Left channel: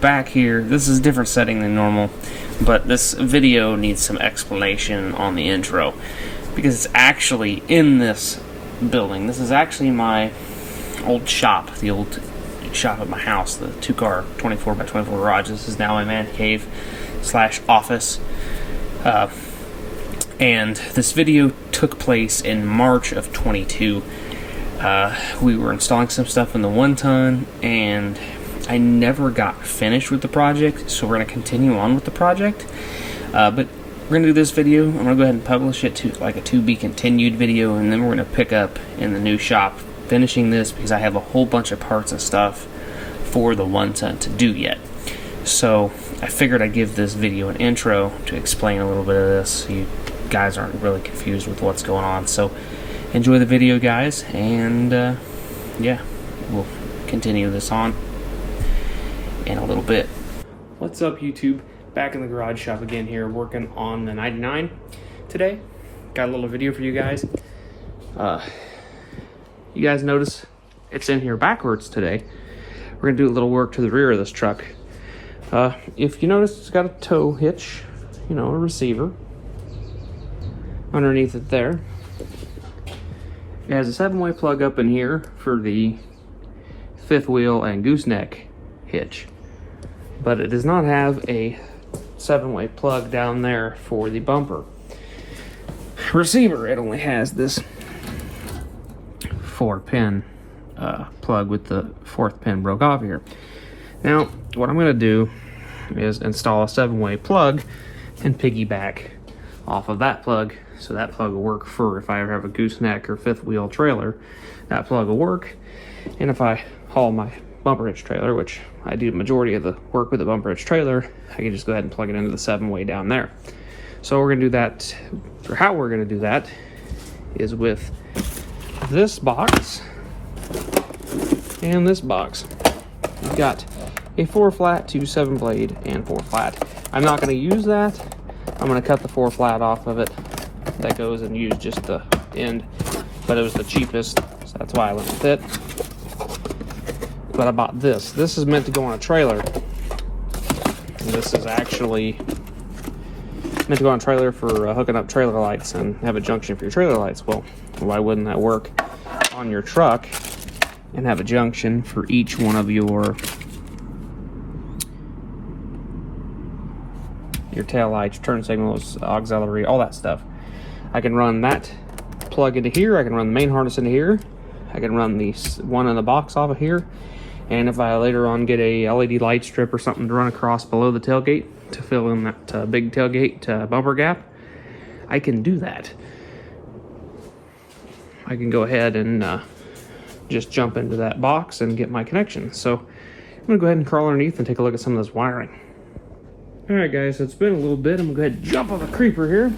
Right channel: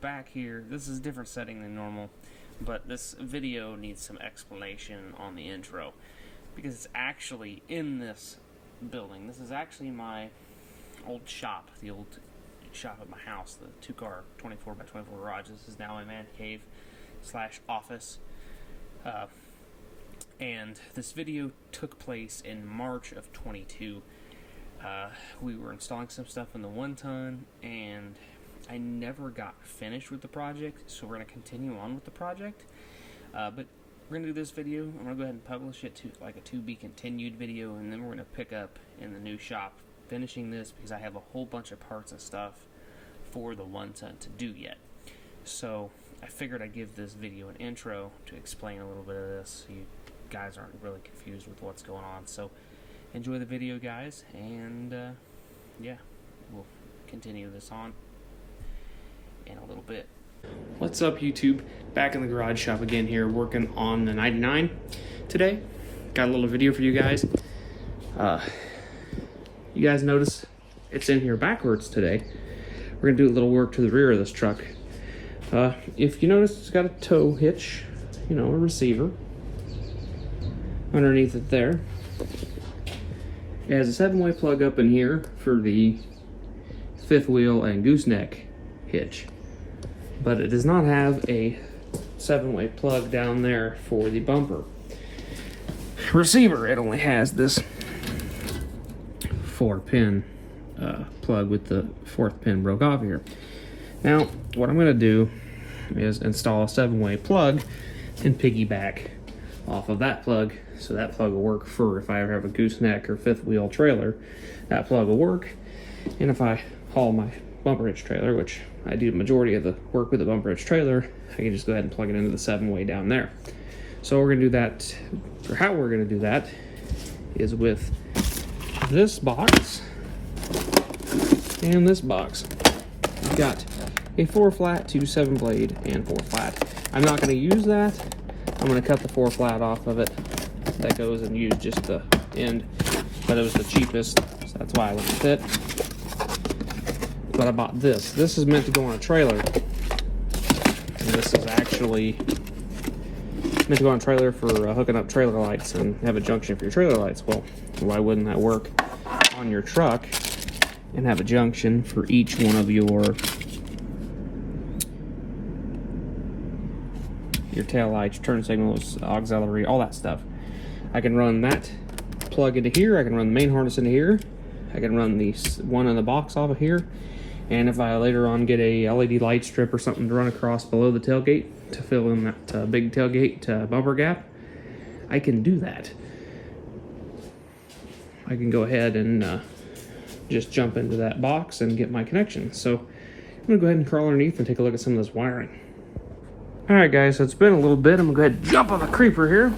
back here, this is a different setting than normal, but this video needs some explanation on the intro, because it's actually in this building. This is actually my old shop, the old shop at my house, the 2-car 24x24 garage. This is now my man cave / office. And this video took place in March of 22. We were installing some stuff in the 1-ton, and I never got finished with the project, so we're going to continue on with the project. But we're going to do this video. I'm going to go ahead and publish it to like a to be continued video, and then we're going to pick up in the new shop finishing this, because I have a whole bunch of parts and stuff for the 1-ton to do yet. So I figured I'd give this video an intro to explain a little bit of this, so you guys aren't really confused with what's going on. So enjoy the video, guys, and yeah, we'll continue this on in a little bit. What's up, YouTube? Back in the garage shop again here, working on the 99 today. Got a little video for you guys. You guys notice it's in here backwards today. We're gonna do a little work to the rear of this truck. If you notice, it's got a tow hitch, you know, a receiver underneath it there. It has a 7-way plug up in here for the 5th wheel and gooseneck hitch, but it does not have a 7-way plug down there for the bumper receiver. It only has this 4-pin plug with the 4th pin broke off here. Now, what I'm going to do is install a 7-way plug and piggyback off of that plug, so that plug will work for if I ever have a gooseneck or 5th wheel trailer. That plug will work, and if I haul my bumper hitch trailer, which I do the majority of the work with the bumper hitch trailer, I can just go ahead and plug it into the 7-way down there. So we're going to do that, or how we're going to do that, is with this box and this box. We've got a 4-flat to 7-blade and 4-flat. I'm not going to use that. I'm going to cut the 4-flat off of it. That goes and use just the end, but it was the cheapest, so that's why I went with it. But I bought this. This is meant to go on a trailer, and this is actually meant to go on a trailer for hooking up trailer lights and have a junction for your trailer lights. Well, why wouldn't that work on your truck and have a junction for each one of your tail lights, turn signals, auxiliary, all that stuff? I can run that plug into here. I can run the main harness into here. I can run the one in the box off of here. And if I later on get a LED light strip or something to run across below the tailgate to fill in that big tailgate bumper gap, I can do that. I can go ahead and just jump into that box and get my connection. So I'm gonna go ahead and crawl underneath and take a look at some of this wiring. All right, guys, so it's been a little bit. I'm gonna go ahead and jump on the creeper here.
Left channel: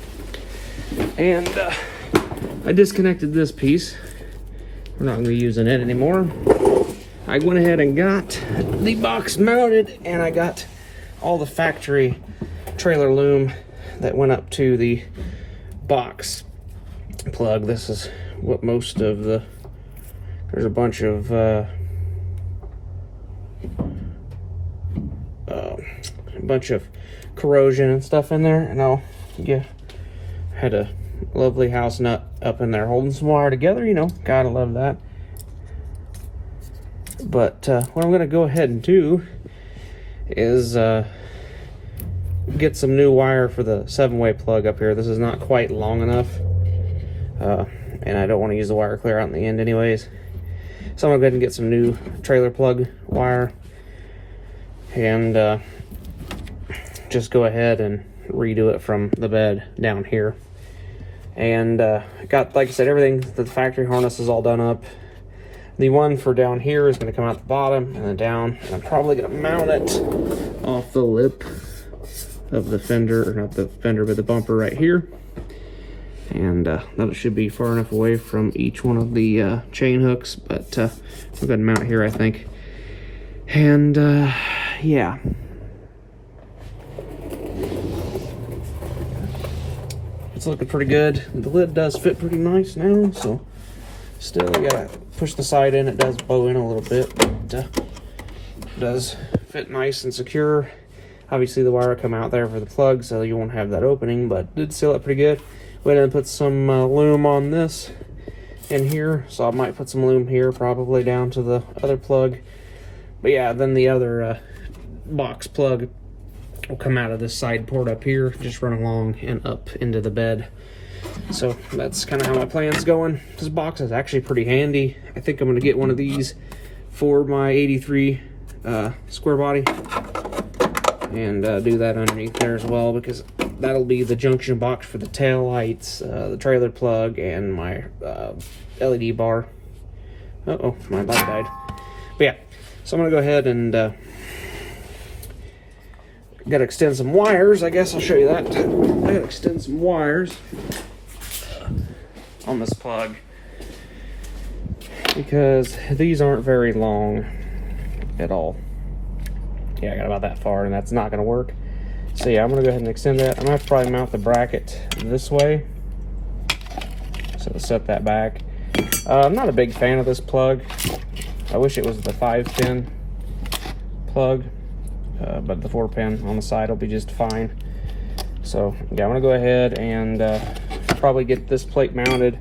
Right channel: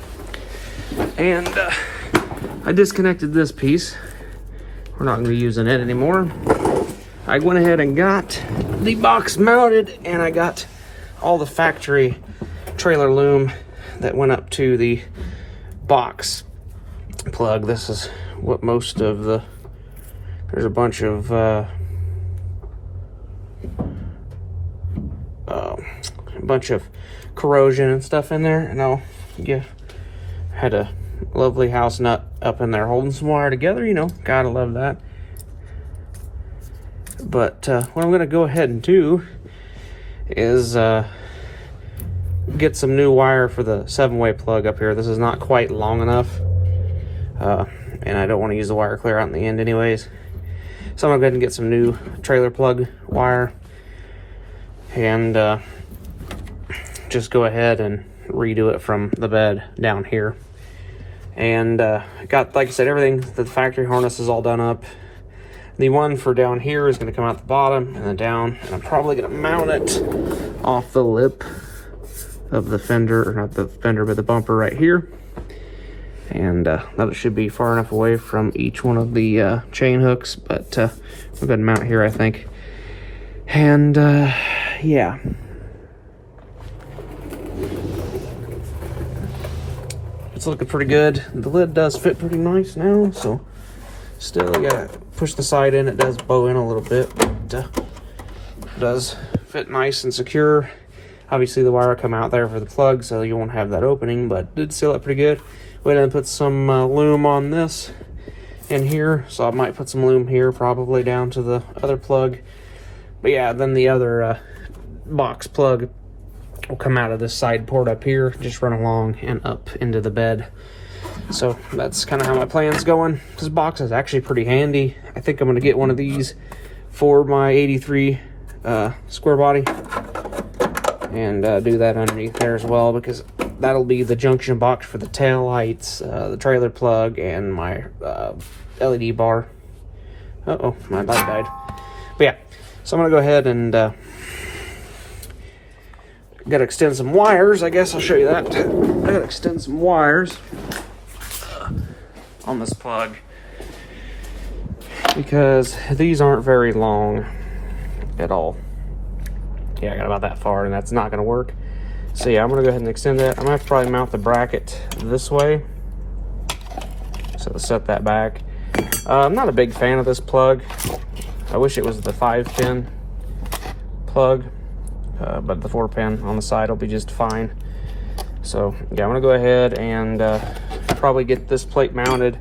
And I disconnected this piece. We're not gonna be using it anymore. I went ahead and got the box mounted, and I got all the factory trailer loom that went up to the box plug. This is what most of the, there's a bunch of corrosion and stuff in there. You had a lovely house nut up in there holding some wire together, you know, gotta love that. But what I'm gonna go ahead and do is get some new wire for the 7-way plug up here. This is not quite long enough, and I don't want to use the wire clear out in the end anyways. So I'm gonna go ahead and get some new trailer plug wire and just go ahead and redo it from the bed down here. And got, like I said, everything, the factory harness is all done up. The one for down here is going to come out the bottom and then down, and I'm probably going to mount it off the lip of the fender, or not the fender, but the bumper right here. And that should be far enough away from each one of the chain hooks, but we'll go ahead and mount here, I think. And yeah. It's looking pretty good. The lid does fit pretty nice now, so still I gotta push the side in. It does bow in a little bit, but it does fit nice and secure. Obviously the wire will come out there for the plug, so you won't have that opening, but did seal it pretty good. Went ahead and put some loom on this in here, so I might put some loom here, probably down to the other plug. But yeah, then the other box plug will come out of this side port up here, just run along and up into the bed. So that's kind of how my plan's going. This box is actually pretty handy. I think I'm going to get one of these for my 83 square body and do that underneath there as well, because that'll be the junction box for the tail lights, the trailer plug, and my LED bar. Uh-oh, my light died. But yeah, so I'm going to go ahead and gotta extend some wires. I guess I'll show you that. I gotta extend some wires on this plug because these aren't very long at all. Yeah, I got about that far, and that's not gonna work. So yeah, I'm gonna go ahead and extend that. I'm gonna have to probably mount the bracket this way, so to set that back. I'm not a big fan of this plug. I wish it was the 5-pin plug. But the 4-pin on the side will be just fine. So yeah, I'm gonna go ahead and probably get this plate mounted.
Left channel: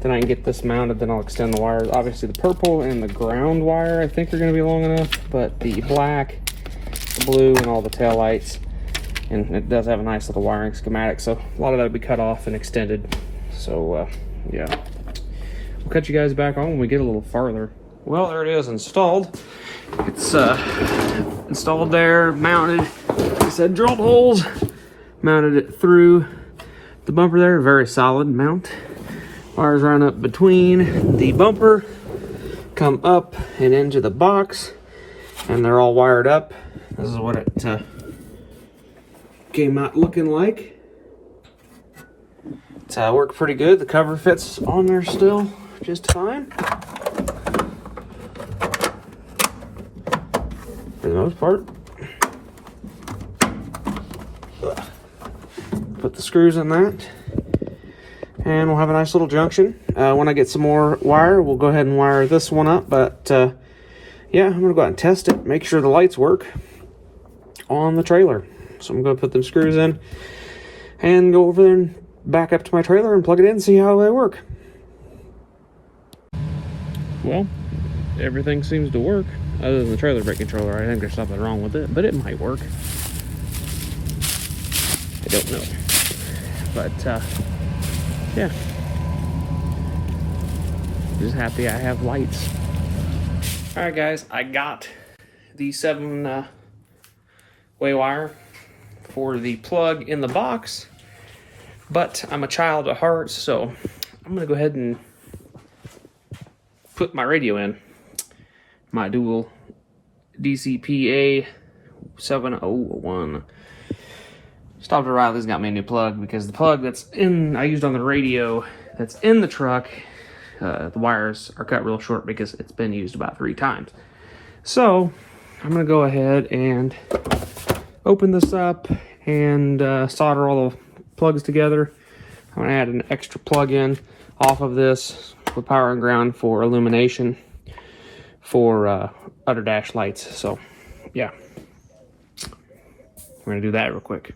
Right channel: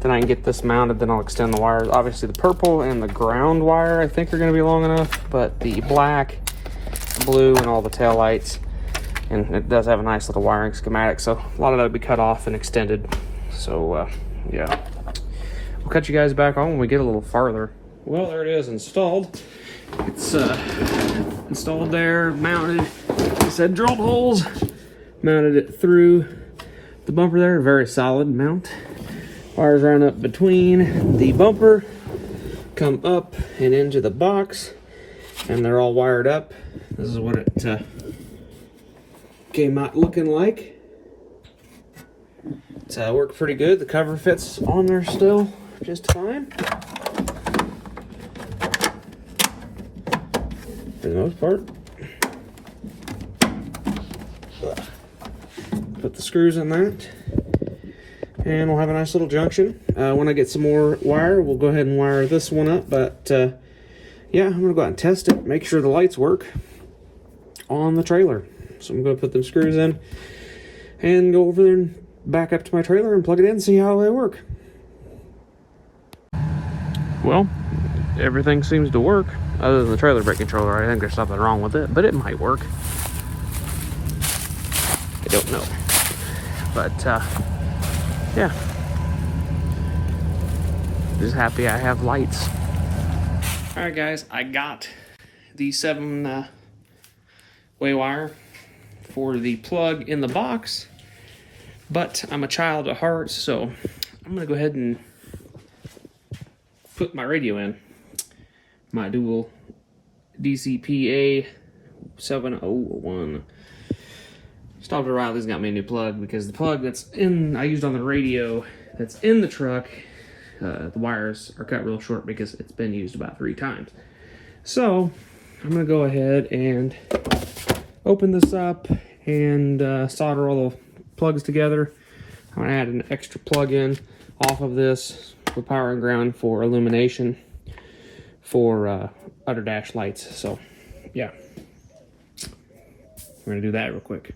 Then I can get this mounted, then I'll extend the wires. Obviously the purple and the ground wire I think are gonna be long enough, but the black, the blue, and all the tail lights, and it does have a nice little wiring schematic, so a lot of that will be cut off and extended. So yeah, we'll cut you guys back on when we get a little farther. Well, there it is, installed. It's installed there, mounted. It said drill holes. Mounted it through the bumper there. Very solid mount. Wires run up between the bumper, come up and into the box, and they're all wired up. This is what it came out looking like. It's worked pretty good. The cover fits on there still just fine, for the most part. Put the screws in that, and we'll have a nice little junction. When I get some more wire, we'll go ahead and wire this one up. But yeah, I'm gonna go out and test it, make sure the lights work on the trailer. So I'm gonna put them screws in and go over there and back up to my trailer and plug it in and see how they work. Well, everything seems to work, other than the trailer brake controller. I think there's something wrong with it, but it might work. I don't know. But, yeah. Just happy I have lights. Alright guys, I got the 7-way wire for the plug in the box, but I'm a child at heart, so I'm going to go ahead and put my radio in. My dual DCPA 701. Stopped at Riley's, got me a new plug because the plug that's in, I used on the radio, that's in the truck, the wires are cut real short because it's been used about 3 times. So I'm gonna go ahead and open this up and solder all the plugs together. I'm gonna add an extra plug in off of this with power and ground for illumination for under dash lights. So yeah, we're gonna do that real quick.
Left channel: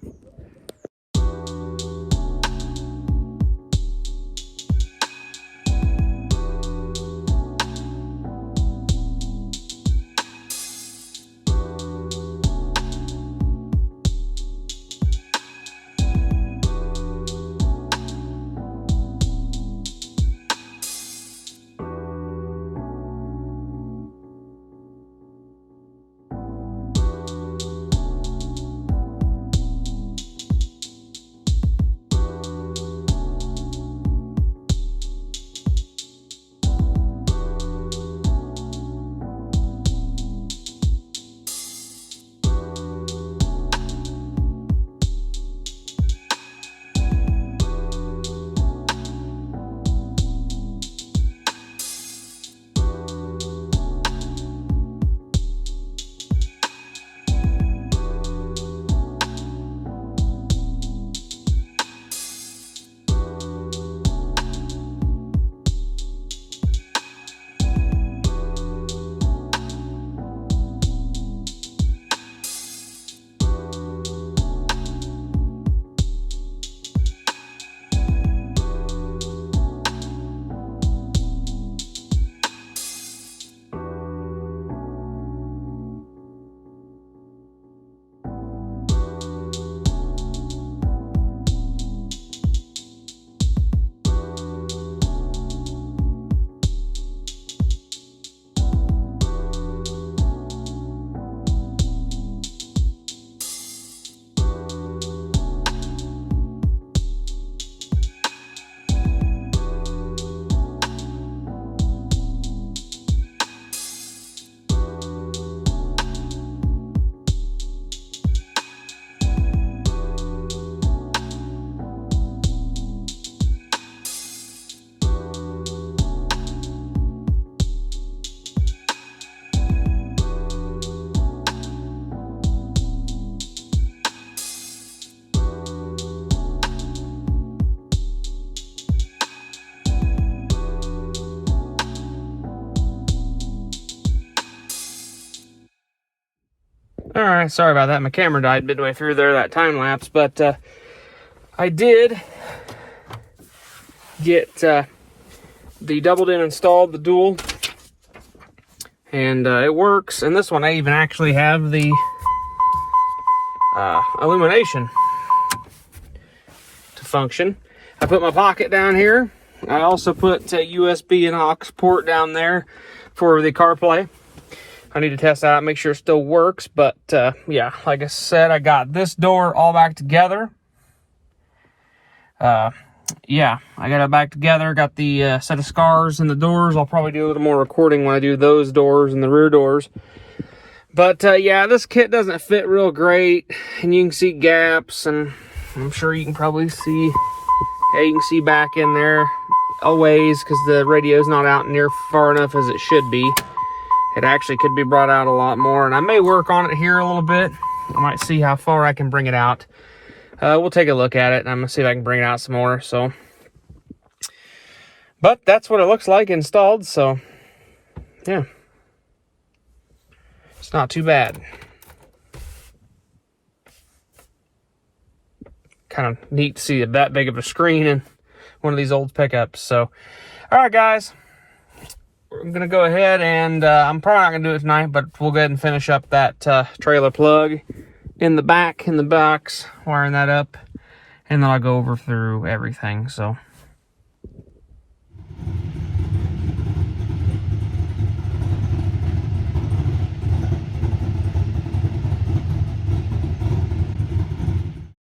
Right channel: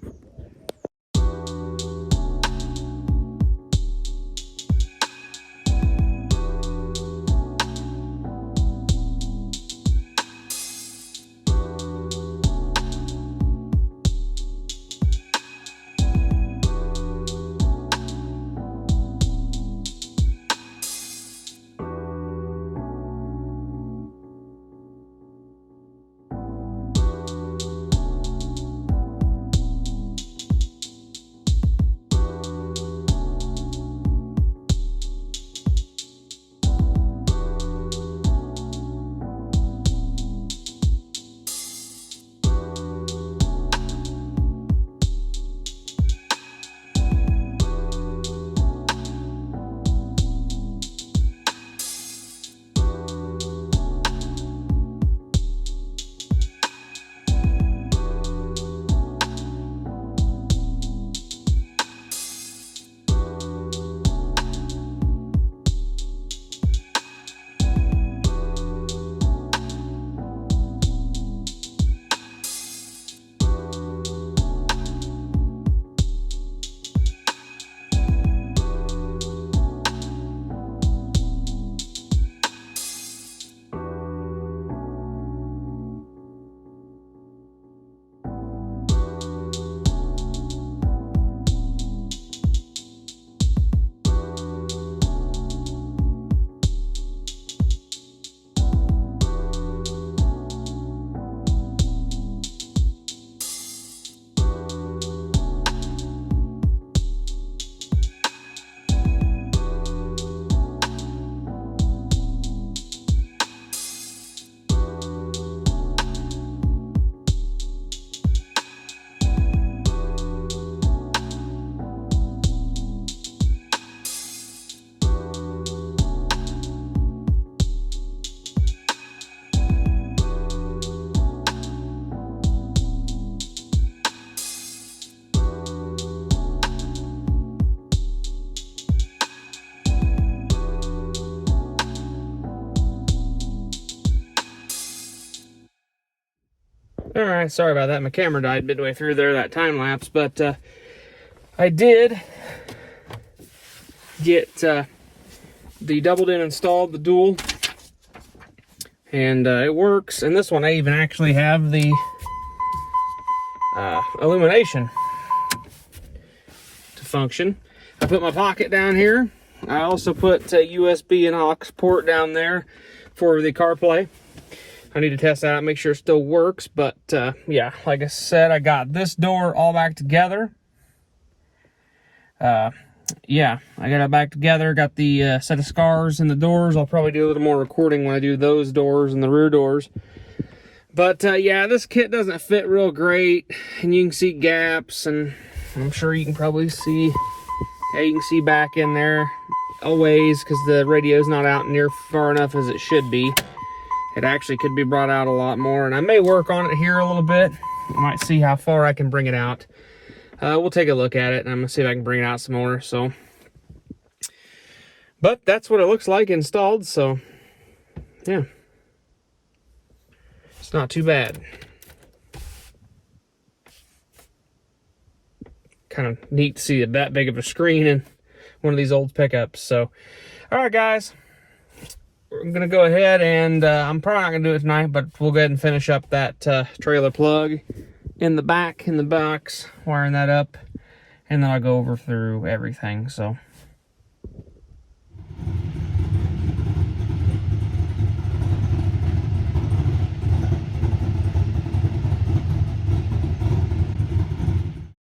Alright, sorry about that. My camera died midway through there, that time lapse, but I did get the doubled in installed, the dual, and it works. And this one I even actually have the illumination to function. I put my pocket down here. I also put a USB and aux port down there for the CarPlay. I need to test that out, make sure it still works, but yeah, like I said, I got this door all back together. Yeah, I got it back together, got the set of scars in the doors. I'll probably do a little more recording when I do those doors and the rear doors. But yeah, this kit doesn't fit real great, and you can see gaps, and I'm sure you can probably see, yeah, you can see back in there a ways because the radio's not out near far enough as it should be. It actually could be brought out a lot more, and I may work on it here a little bit. I might see how far I can bring it out. We'll take a look at it, and I'm gonna see if I can bring it out some more. So, but that's what it looks like installed. So, yeah, it's not too bad. Kind of neat to see that big of a screen in one of these old pickups. So, all right, guys, I'm gonna go ahead and I'm probably not gonna do it tonight, but we'll go ahead and finish up that trailer plug in the box, wiring that up, and then I'll go over through everything. So